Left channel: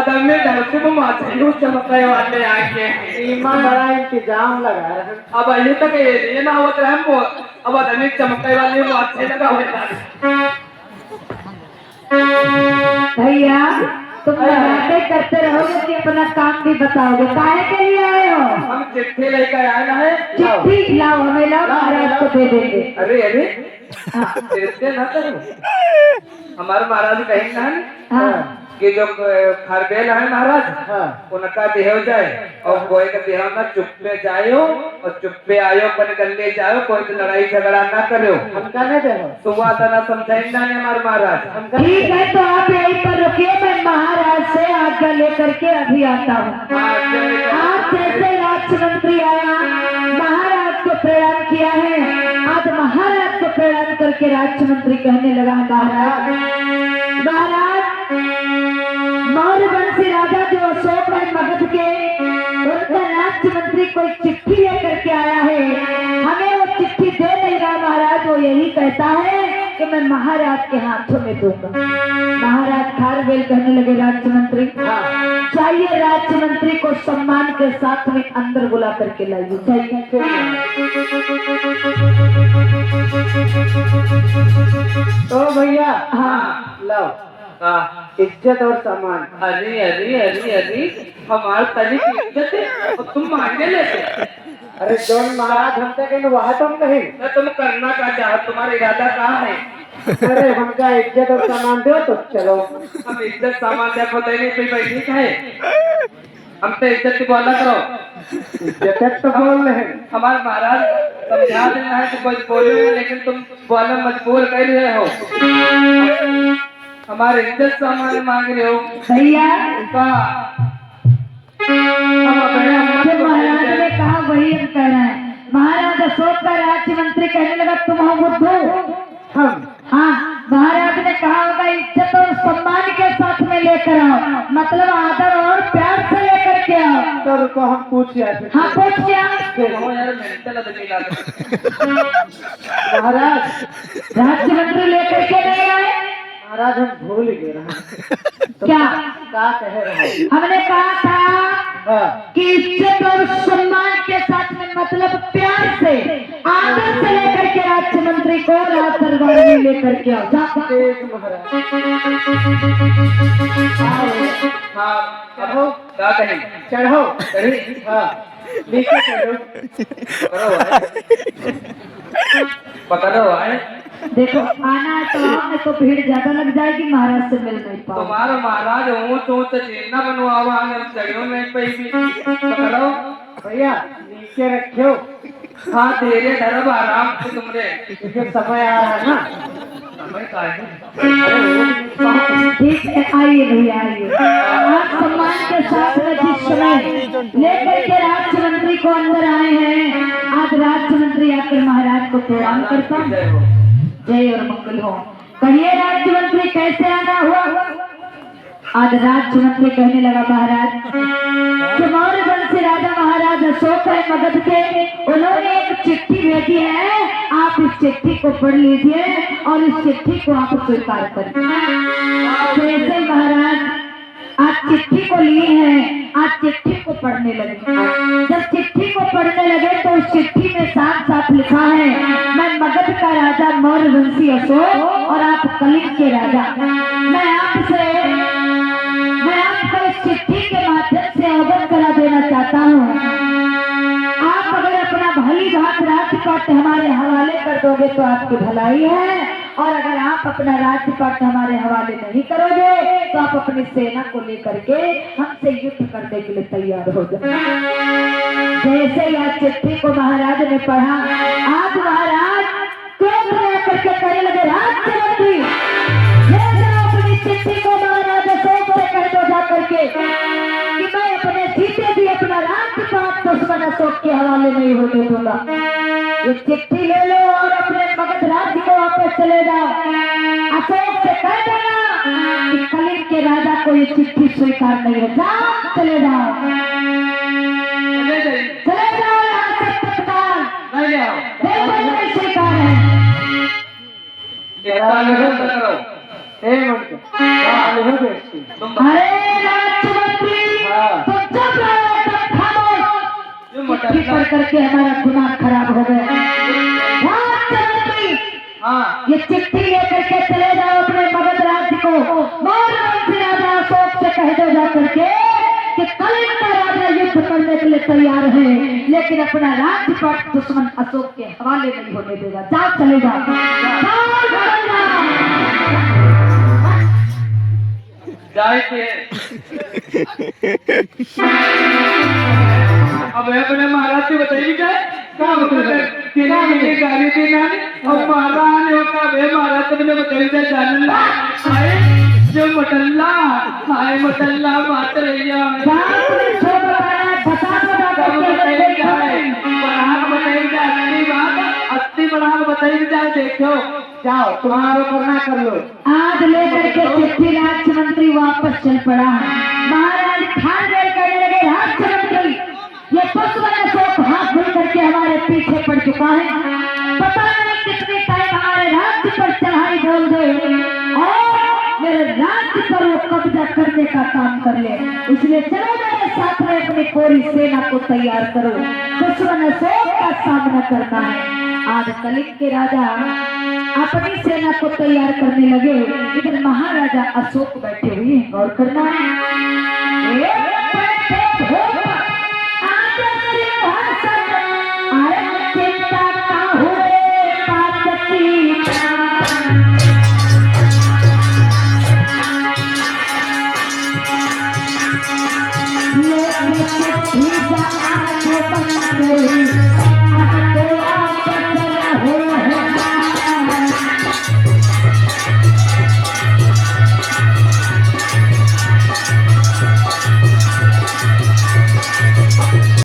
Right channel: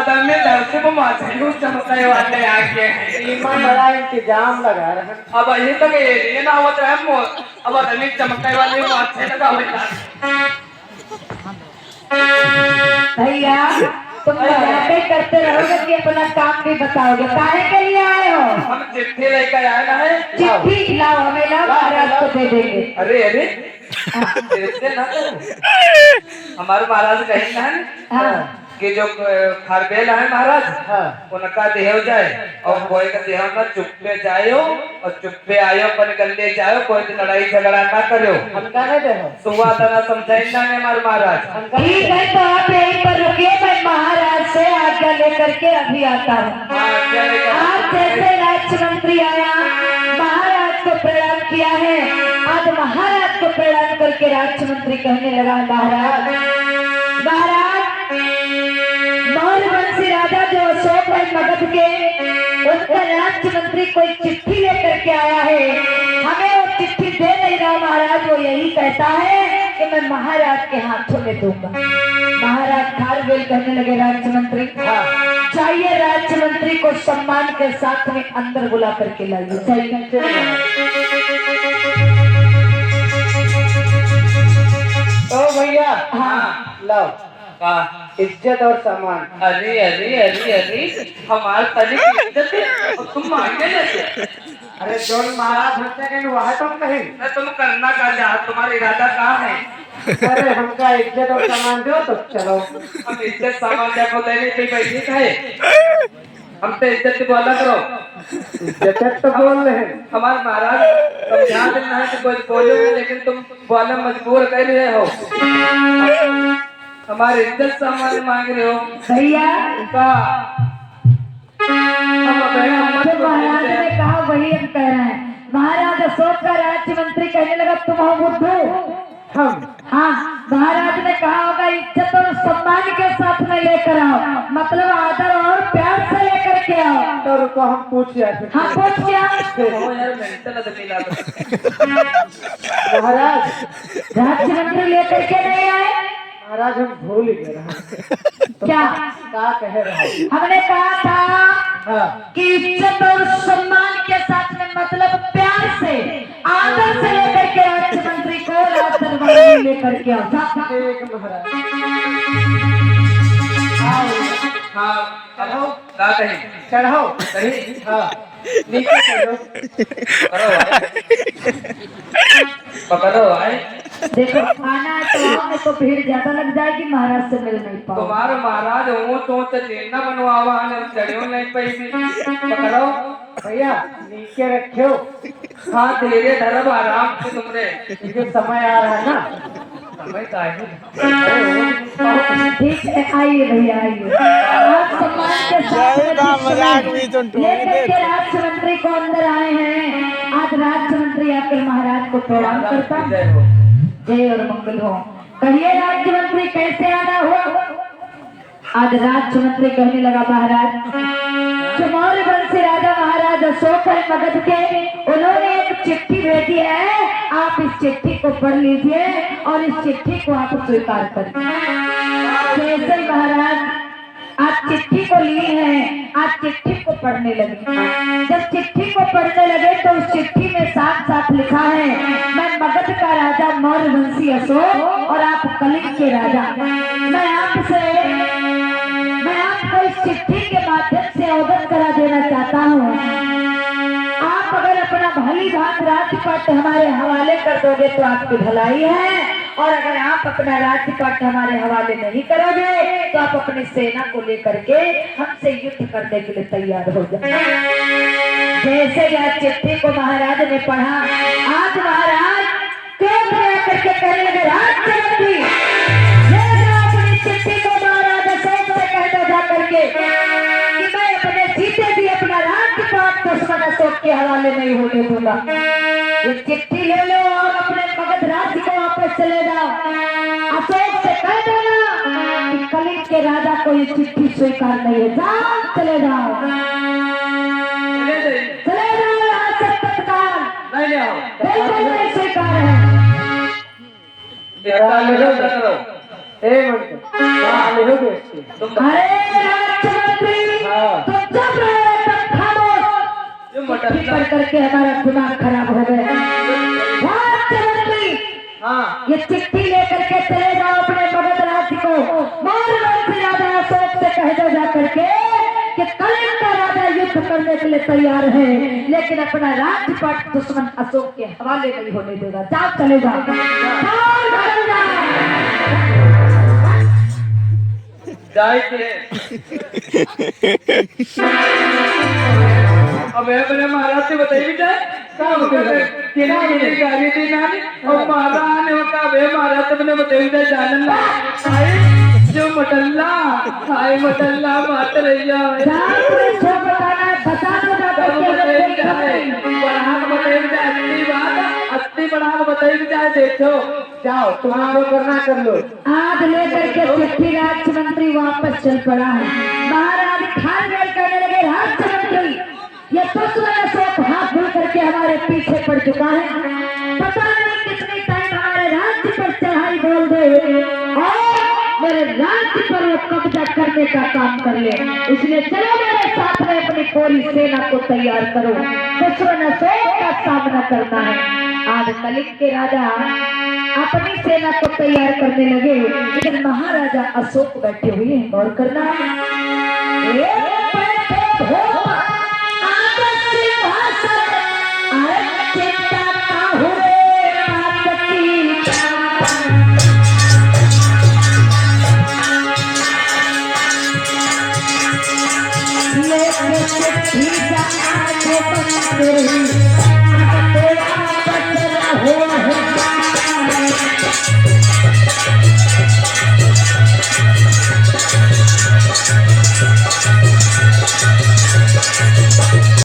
Other में धरती में माथे यूं चमकने वाले आके ईमान बड़ा इंतजाम लगा रहा है। अब ये तक ये ना होता है वो अब अदर में चमकने वाले माथे लगा हुआ भैया तुम बातें करते रहोगे कि अपना काम भी बताओगे, काहे के लिए आए हो? हम चिट्ठी लेकर आए ना है चिट्ठी लाओ, हमें लाओ, महाराज को दे देंगे। अरे अरे ऐसे ना करो हमारे महाराज कहीं ना है हाँ। कि जो खरबेल है महाराज उनका देह जाए और कोई का देह ना चुप्पे जायो और चुप्पे आयो बन गले जायो कोई लड़ाई झगड़ा ना करो हमका नहीं दे सुबह तना समझाइंदा है हमारे महाराज ठीक है तो आप यहीं पर रुकिए, मैं महाराज से आज्ञा लेकर के अभी आता हूँ। आप जैसे राज्य मंत्री आया, महाराज को प्रणाम किया है, आज महाराज को प्रणाम करके राज्य मंत्री कहने लगा महाराज मौर्य वंशी राजा जो अशोक है मगध के, उनका राज्य मंत्री कोई चिट्ठी लेकर के आया है, हमें वो चिट्ठी दे नहीं रहा महाराज, वो यही कहता है कि मैं महाराज के हाथों में दूंगा। महाराज खारवेल कहने लगे राज्य मंत्री चाहिए, राज्य मंत्री को सम्मान के साथ में अंदर बुला करके लाइए। चाहिए तो भैया हाँ लो इज्जत और सम्मान। अरे अरे अरे अरे हमारे तली की इज्जत है और तुम मांगे लेते अरे जौन महाराज हमसे कहीं वह तुम नहीं। मैं तुम करना का चाह तुम्हारा इरादा कहाँ है अरे हमका इज्जत और सम्मान दो तो चलो। हम इज्जत सामान देखो देने पे बैठी है हम तो इज्जत की बोला करो इज्जत तो बोल रहे हैं। हमारे महाराज समझा देना है कि कोई बोले नहीं, लेकिन तुम बोले मजबूर कर रहे हो हमारे इज्जत सामान मांग रहे हो भैया का जो महाराज ने कहा वही हम कह रहे हैं। महाराज अशोक का राज्य मंत्री कहने लगा तुम हो बुद्धू। हाँ महाराज ने कहा होगा इज्जत और सम्मान के साथ में लेकर आओ, मतलब आदर और प्यार से लेकर के आओ। तो रुको हम पूछ जाते। हाँ पूछ क्या महाराज राज्य मंत्री लेकर के नहीं आए? महाराज हम भूल ही गए रहे। क्या कह रहे हैं? हमने कहा था कि इज्जत और सम्मान के साथ में मतलब प्यार से आदर से लेकर के राज्य मंत्री को राज दरबार में लेकर के आओ। एक महाराज चढ़ो का कहीं चढ़ो कहीं नीचे चढ़ो। पकड़ो आए देखो आना तो हमें तो भीड़ ज्यादा लग जाएगी, महाराज से मिल नहीं पाओ। तुम्हारा महाराज ऊंच ऊंच चेना बनवावा हमें चढ़ो नहीं पे भी पकड़ो भैया नीचे रखो। हाँ धीरे धरब आराम से तुमरे क्योंकि समय आ रहा है ना। समय का है ठीक है आइए भैया आइए। आप सम्मान के साथ में जिस समय लेकर के राज्य मंत्री को अंदर आए हैं, आज राज्य मंत्री आकर महाराज को प्रणाम करता हूँ। जय और मंगल हो। कहिए राज्य मंत्री कैसे आना हुआ? आज राज्य मंत्री कहने लगा महाराज मौर्य वंशी राजा महाराज अशोक है मगध के, उन्होंने एक चिट्ठी भेजी है, आप इस चिट्ठी को पढ़ लीजिए और इस चिट्ठी को आप स्वीकार करें। जैसे महाराज आप चिट्ठी को लिए हैं, आप चिट्ठी को पढ़ने लगे। जब चिट्ठी को पढ़ने लगे तो उस चिट्ठी में साफ साफ लिखा है मैं मगध का राजा मौर्य वंशी अशोक और आप कलिंग के राजा। मैं आपको इस चिट्ठी के माध्यम से अवगत करा देना चाहता हूँ, आप अगर अपना भली भांति राजपाट हमारे हवाले कर दोगे तो आपकी भलाई है, और अगर आप अपना राजपाट हमारे हवाले नहीं करोगे तो आप अपनी सेना को लेकर के हमसे युद्ध करने के लिए तैयार हो जाए। जैसे ही आज चिट्ठी को महाराज ने पढ़ा, आज महाराज क्रोध में करके कहने लगे राज्य अपनी चिट्ठी को महाराज अशोक से कह दो जा करके कि मैं अपने जीते भी अपना राजपाट दुश्मन अशोक के हवाले नहीं होने दूंगा। ये चिट्ठी ले लो और अपने मगध राज्य को वापस चले जाओ। अशोक से कह देना कि कलिंग के राजा को ये चिट्ठी स्वीकार नहीं है, जाओ चले जाओ चले जाओ यहाँ से तत्काल। बिल्कुल नहीं स्वीकार है। एक मिनट वाले हो बेटी। अरे राजमंत्री हाँ। तो चुप रहो, तब खामोश। ये मोटा चिट्ठी पढ़ करके हमारा दिमाग खराब हो गया। राजमंत्री हाँ ये चिट्ठी लेकर के चले जाओ अपने मगध राज्य को। मौर्यवंशी राजा अशोक से कह दो जाकर के कि कलिंग राजा युद्ध करने के लिए तैयार है, लेकिन अपना राज्यपाट दुश्मन अशोक के हवाले नहीं होने देगा। जाओ चले जाओ, जाओ, चले जाओ। जाए थे अब अपने महाराज से बताइए क्या बताइए तेरा मेरी गाड़ी थी ना और महाराज ने कहा बे महाराज तुमने बताइए जानला हाय जो मटल्ला हाय मटल्ला बात रही है जाओ, तुम्हें जो बताना है बता दो ना बताइए क्या है बढ़ा बताइए असली बात असली बढ़ा बताइए क्या देखो जाओ तुम्हारा करना कर लो। आज लेकर के चिट्ठी राज्यमंत्री वापस चल पड़ा। महाराज खान करने लगे, राज्यमंत्री ये दुश्मन अशोक हाथ धुल करके हमारे पीछे पड़ चुका है। पता नहीं कितने टाइम हमारे राज्य पर चढ़ाई बोल दे और मेरे राज्य पर वो कब्जा करने का काम कर ले। इसलिए चलो मेरे साथ में अपनी पूरी सेना को तैयार करो, दुश्मन अशोक का सामना करना है। आज कलिंग के राजा अपनी सेना को तैयार करने लगे, लेकिन महाराजा अशोक बैठे हुए हैं। गौर करना है, चिंता का हुए पार्वती ये चिट्ठी जा